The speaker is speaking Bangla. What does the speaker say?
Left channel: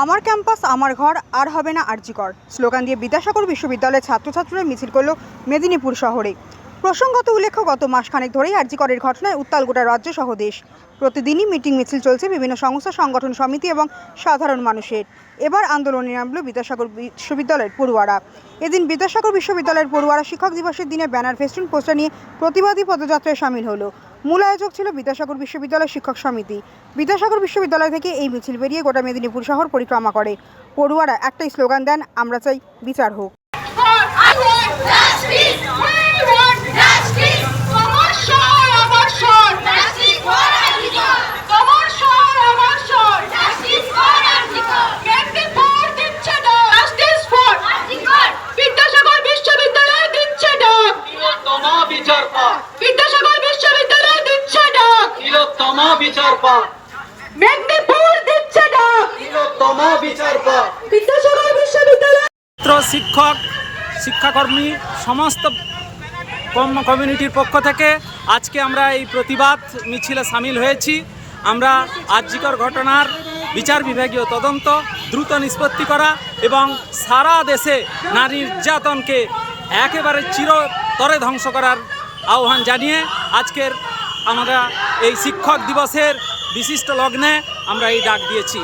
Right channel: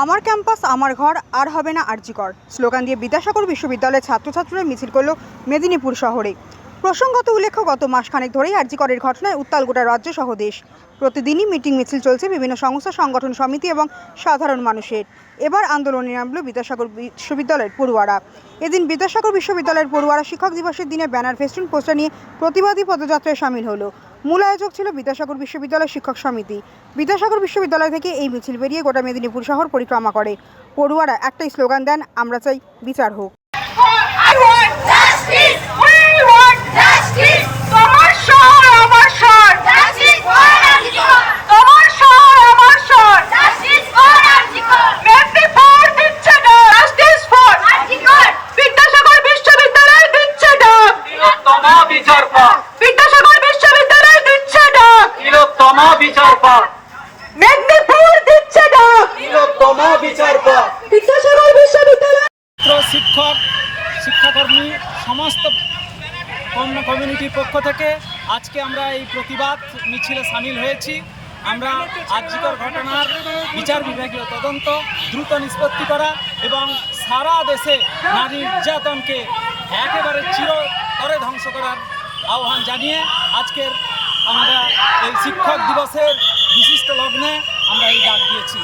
আমার ক্যাম্পাস, আমার ঘর, আর হবে না আর্জিকর। স্লোগান দিয়ে বিদ্যাসাগর বিশ্ববিদ্যালয়ের ছাত্রছাত্রীরা মিছিল করল মেদিনীপুর শহরে। প্রসঙ্গত উল্লেখ্য, গত মাসখানেক ধরেই আর্জিকরের ঘটনায় উত্তাল গোটা রাজ্য সহ দেশ। প্রতিদিনই মিটিং মিছিল চলছে বিভিন্ন সংস্থা, সংগঠন সমিতি এবং সাধারণ মানুষের। এবার আন্দোলনে নামল বিদ্যাসাগর বিশ্ববিদ্যালয়ের পড়ুয়ারা। এদিন বিদ্যাসাগর বিশ্ববিদ্যালয়ের পড়ুয়ারা শিক্ষক দিবসের দিনে ব্যানার ফেস্টুন পোস্টার নিয়ে প্রতিবাদী পদযাত্রায় সামিল হলো। মূল আয়োজক ছিল বিদ্যাসাগর বিশ্ববিদ্যালয় শিক্ষক সমিতি। বিদ্যাসাগর বিশ্ববিদ্যালয় থেকে এই মিছিল বেরিয়ে গোটা মেদিনীপুর শহর পরিক্রমা করে। পড়ুয়ারা একটাই স্লোগান দেন, আমরা চাই বিচার হোক I want justice. We want justice. আমার শহর আমার শহর justice for Article. আমার শহর আমার শহর justice for Article. মেদিনীপুর দিচ্ছে না justice for Article. বিদ্যাসাগর বিশ্ববিদ্যালয় দিচ্ছে ডাক তিলোত্তম বিচার পাক বিদ্যাসাগর বিশ্ববিদ্যালয় দিচ্ছে ডাক তিলোত্তম বিচার পাক মেদিনীপুর দিচ্ছে ডাক তিলোত্তম বিচার পাক বিদ্যাসাগর বিশ্ববিদ্যালয় ছাত্র শিক্ষক শিক্ষাকর্মী সমস্ত কম কমিউনিটির পক্ষ থেকে আজকে আমরা এই প্রতিবাদ মিছিলে সামিল হয়েছি। আমরা আর্যিকর ঘটনার বিচার বিভাগীয় তদন্ত দ্রুত নিষ্পত্তি করা এবং সারা দেশে নারী নির্যাতনকে একেবারে চিরতরে ধ্বংস করার আহ্বান জানিয়ে আজকের আমরা এই শিক্ষক দিবসের বিশিষ্ট লগ্নে আমরা এই ডাক দিয়েছি।